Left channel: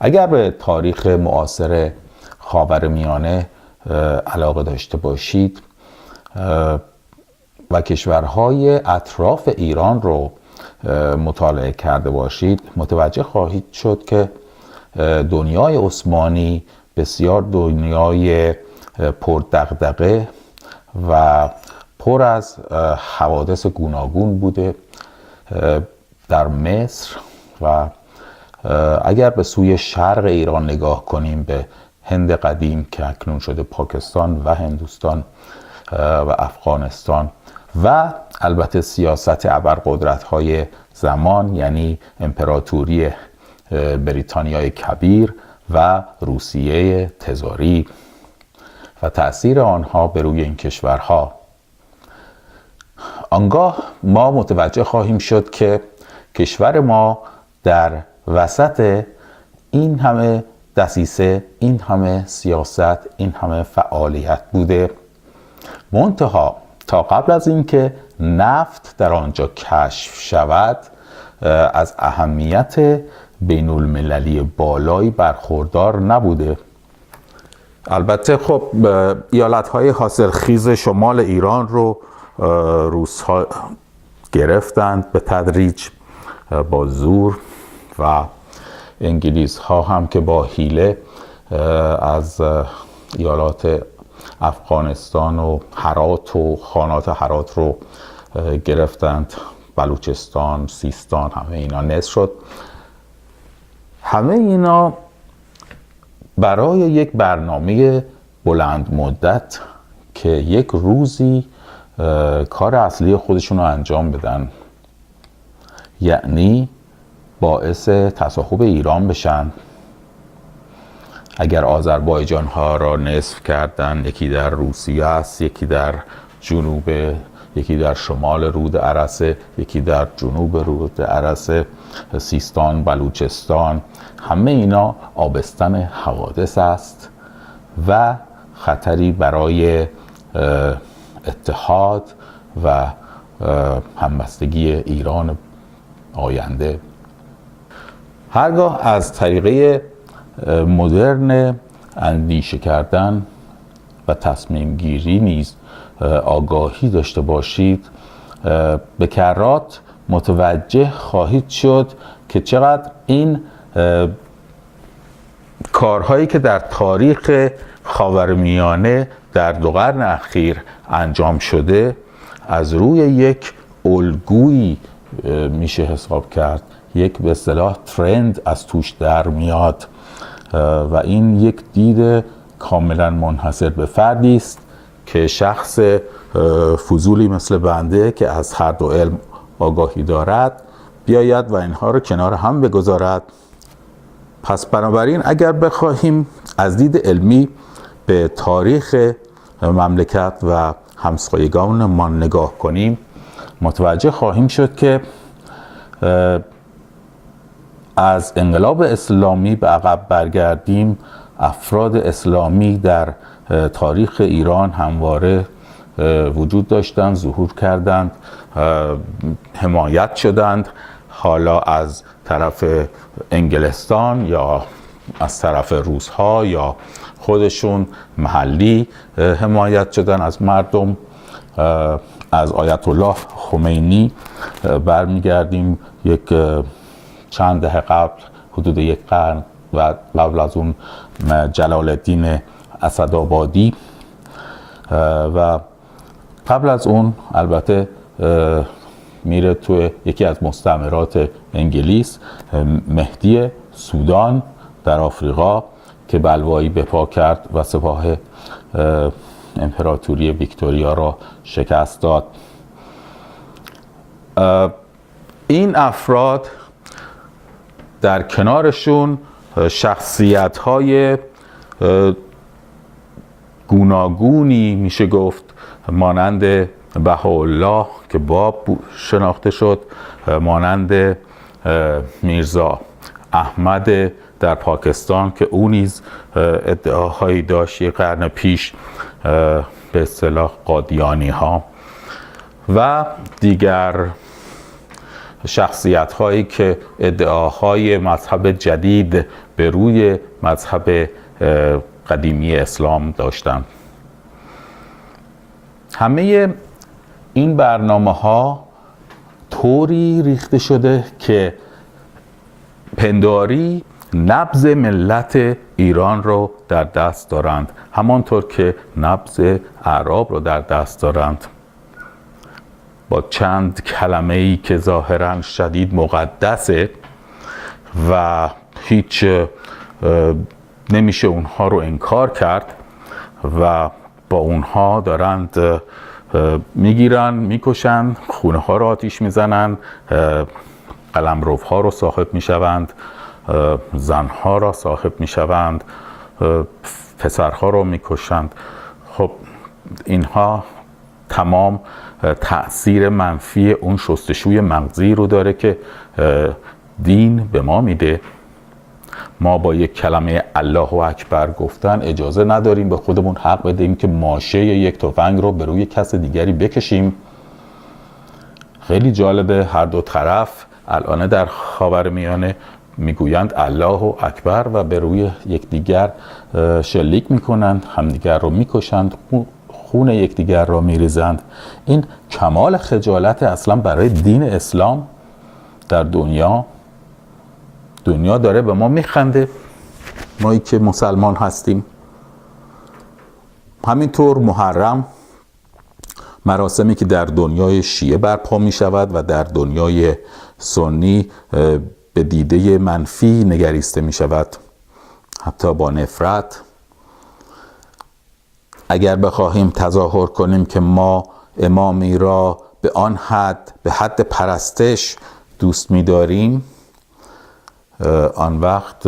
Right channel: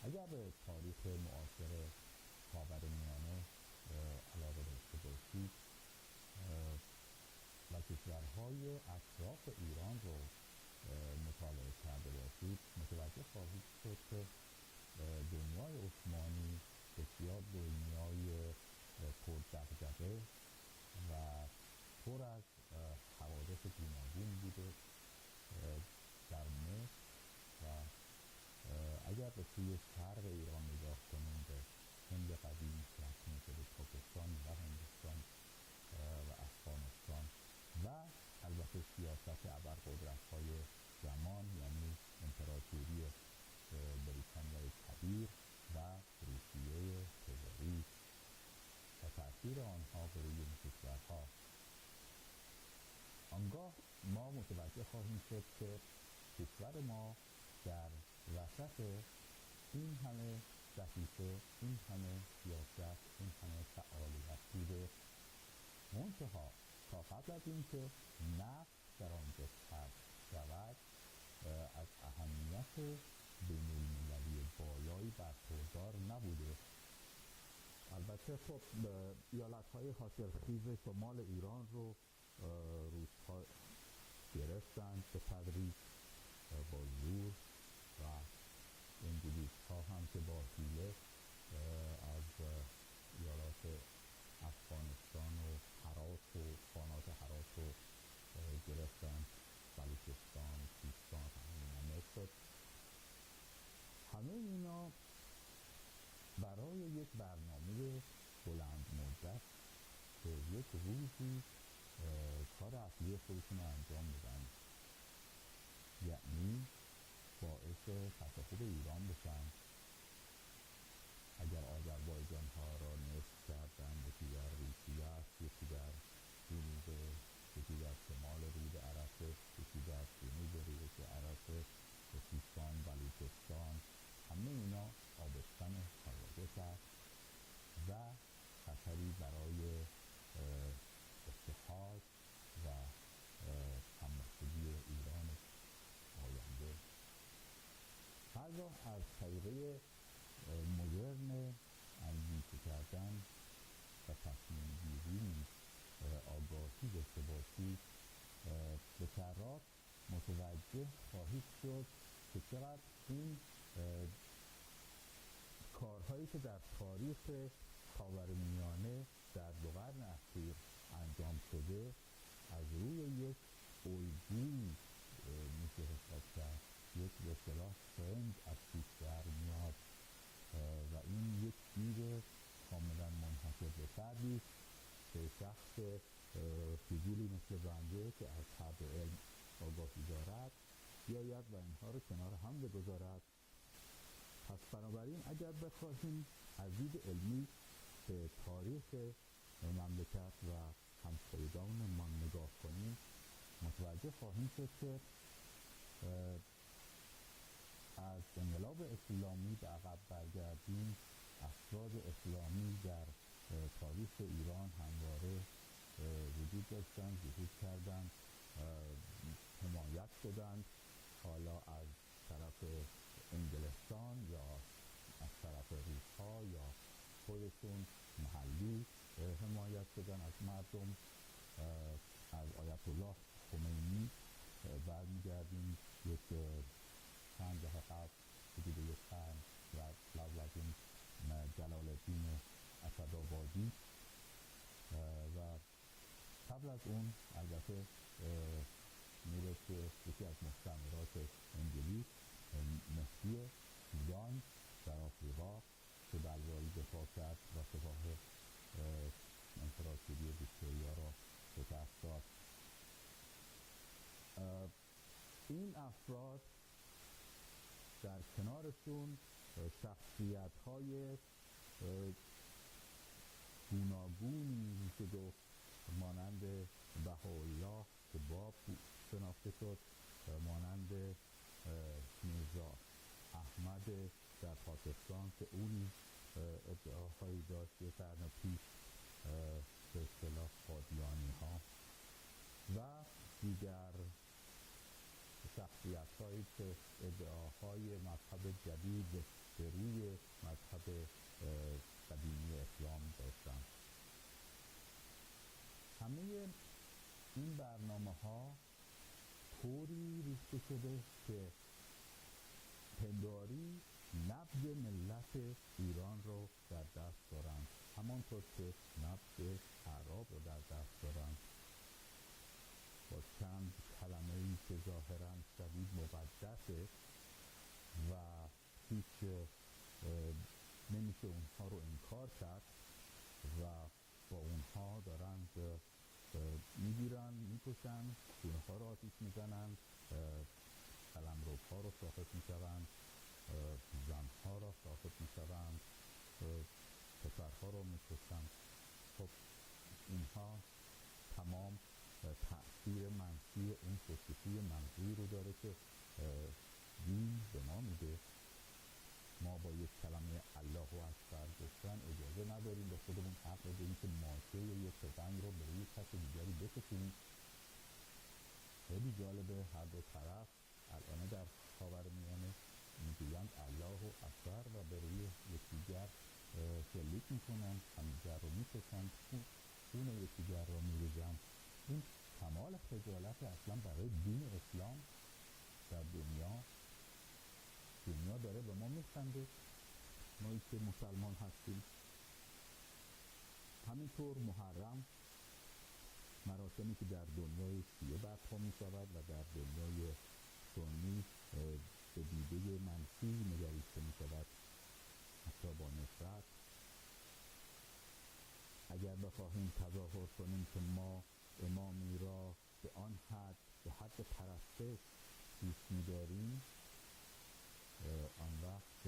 اگر به تاریخ معاصر خاورمیانه علاقه داشته باشید و کشورهای اطراف ایران رو مطالعه کرده باشید، متوجه خواهید شد که دنیای عثمانی بسیار دنیای پردغدغه و پر از حوادث گوناگون بوده. در مصر و اگر به سوی شرق ایران نگاه کنیم، به هند قدیم که اکنون شده پاکستان و هندوستان و افغانستان، و البته سیاست ابرقدرت‌های زمان، یعنی امپراتوری بریتانیای کبیر و روسیه تزاری و تأثیر آنها بر روی این کشورها، آنگاه ما متوجه خواهیم شد که کشور ما در وسط این همه دسیسه، این همه سیاست، این همه فعالیت بوده. منتها تا قبل از اینکه نفت در آنجا کشف شود، از اهمیت بین المللی بالایی برخوردار نبوده. البته خب ایالت‌های حاصلخیز شمال ایران رو روس‌ها گرفتند به تدریج با زور و انگلیس‌ها هم که با حیله از ایالات افغانستان و هرات و خانات هرات رو گرفتند، بلوچستان، سیستان، همه اینا نصف شد. همه اینا برای یک برنامه بلند مدت که یک روزی کار اصلی خودشون رو انجام بدن، یعنی باعث تصاحب ایران بشن. اگر آذربایجان ها را نصف کردن، یکی در روسیه است، یکی در جنوب، یکی در شمال رود ارسه، یکی در جنوب رود ارسه، سیستان، بلوچستان، همه اینا آبستن حوادث است و خطری برای اتحاد و همبستگی ایران آینده. هرگاه از طریقه مدرن اندیشه کردن و تصمیم گیری نیز آگاهی داشته باشید، به کرات متوجه خواهید شد که چقدر این کارهایی که در تاریخ خاورمیانه در 2 قرن اخیر انجام شده از روی یک الگویی میشه حساب کرد، یک به اصطلاح ترند از توش در میاد و این یک دید کاملا منحصر به فردی است که شخص فضولی مثل بنده که از هر دو علم آگاهی دارد بیاید و اینها رو کنار هم بگذارد. پس بنابراین اگر بخواهیم از دید علمی به تاریخ مملکت و همسایگانمان نگاه کنیم، متوجه خواهیم شد که از انقلاب اسلامی به عقب برگردیم، افراد اسلامی در تاریخ ایران همواره وجود داشتند، ظهور کردند، حمایت شدند، حالا از طرف انگلستان یا از طرف روس‌ها یا خودشون محلی حمایت شدن از مردم. از آیت الله خمینی برمیگردیم یک چند دهه قبل، حدود 1 قرن و قبل از اون جلال الدین اسدآبادی و قبل از اون البته میره توی یکی از مستعمرات انگلیس، مهدی سودان در آفریقا که بلوایی به پا کرد و سپاه امپراتوری ویکتوریا را شکست داد. این افراد در کنارشون شخصیت‌های گوناگونی میشه گفت، مانند بهاءالله که باب شناخته شد، مانند میرزا احمد در پاکستان که او نیز ادعاهایی داشت 1 قرن پیش، به اصطلاح قادیانی ها، و دیگر شخصیت هایی که ادعاهای مذهب جدید به روی مذهب قدیمی اسلام داشتند. همه این برنامه‌ها طوری ریخته شده که پنداری نبض ملت ایران رو در دست دارند، همانطور که نبض اعراب رو در دست دارند. با چند کلمه‌ای که ظاهراً شدید مقدسه و هیچ نمیشه اونها رو انکار کرد و با اونها دارند میگیرن، میکشن، خونه ها رو آتیش میزنن، قلمروها رو صاحب میشوند، زنها را صاحب میشوند، پسرها رو میکشند. خب اینها تمام تأثیر منفی اون شستشوی مغزی رو داره که دین به ما میده. ما با یک کلمه الله اکبر گفتن اجازه نداریم به خودمون حق بدیم که ماشه یک تفنگ رو به روی کس دیگری بکشیم. خیلی جالبه، هر دو طرف الان در خاورمیانه میگویند الله اکبر و به روی یکدیگر شلیک میکنند، همدیگر رو میکشند، خون یکدیگر را میریزند. این کمال خجالت اصلا برای دین اسلام در دنیا داره به ما میخنده، مایی که مسلمان هستیم. همینطور محرم، مراسمی که در دنیای شیعه برپا می شود و در دنیای سنی به دیده منفی نگریسته می شود، حتی با نفرت. اگر بخواهیم تظاهر کنیم که ما امامی را به آن حد، به حد پرستش دوست می داریم، آن وقت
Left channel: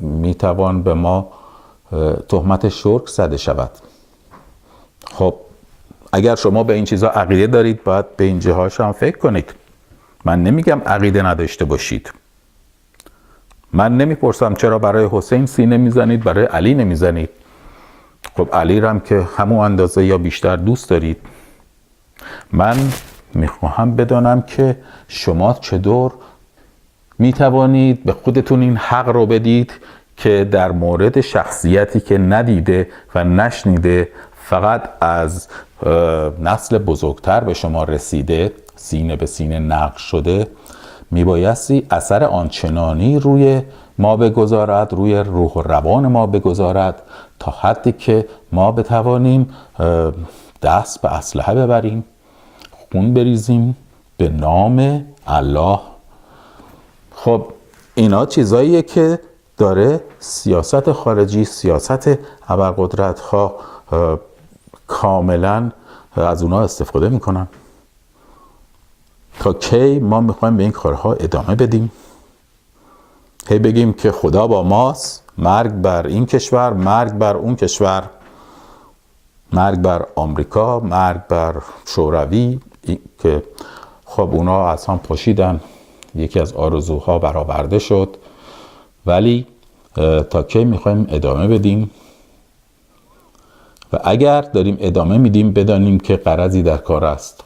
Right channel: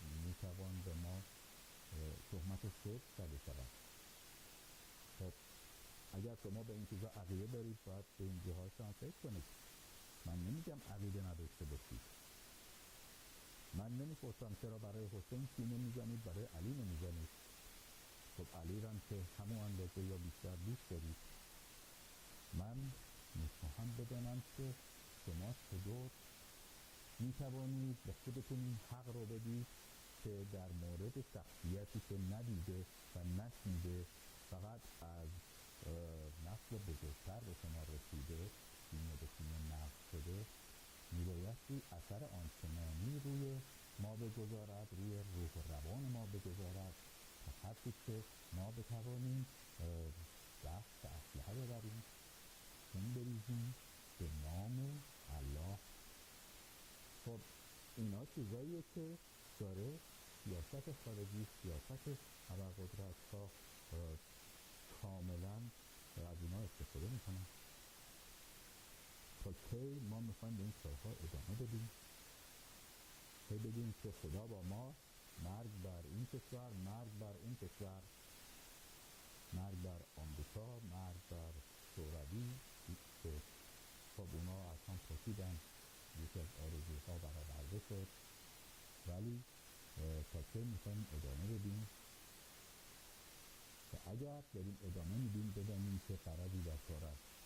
می توان به ما تهمت شرک زده شود. خب اگر شما به این چیزا عقیده دارید باید به این جهاش هم فکر کنید. من نمیگم عقیده نداشته باشید. من نمیپرسم چرا برای حسین سینه میزنید برای علی نمیزنید. خب علی رو هم که همون اندازه یا بیشتر دوست دارید. من میخواهم بدانم که شما چطور میتوانید به خودتون این حق رو بدید که در مورد شخصیتی که ندیده و نشنیده، فقط از نسل بزرگتر به شما رسیده، سینه به سینه نقش شده، میبایستی اثر آنچنانی روی ما بگذارد، روی روح و روان ما بگذارد تا حدی که ما بتوانیم دست به اسلحه ببریم، خون بریزیم به نام الله. خب اینا چیزاییه که داره سیاست خارجی، سیاست ابرقدرت ها کاملا از اونا استفاده میکنن. تا کی ما میخوایم به این کارها ادامه بدیم؟ هی بگیم که خدا با ماست، مرگ بر این کشور، مرگ بر اون کشور، مرگ بر آمریکا، مرگ بر شوروی، که خب اونا از هم پاشیدن، یکی از آرزوها برآورده شد. ولی تا کی میخوایم ادامه بدیم؟ و اگر داریم ادامه میدیم بدانیم که غرضی در کار است،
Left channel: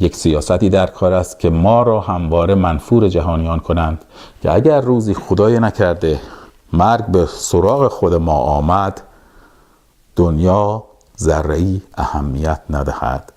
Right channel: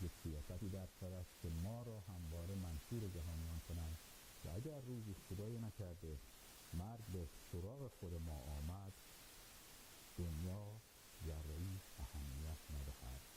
یک سیاستی در کار است که ما را همواره منفور جهانیان کنند که اگر روزی خدای نکرده مرگ به سراغ خود ما آمد، دنیا ذره‌ای اهمیت ندهد.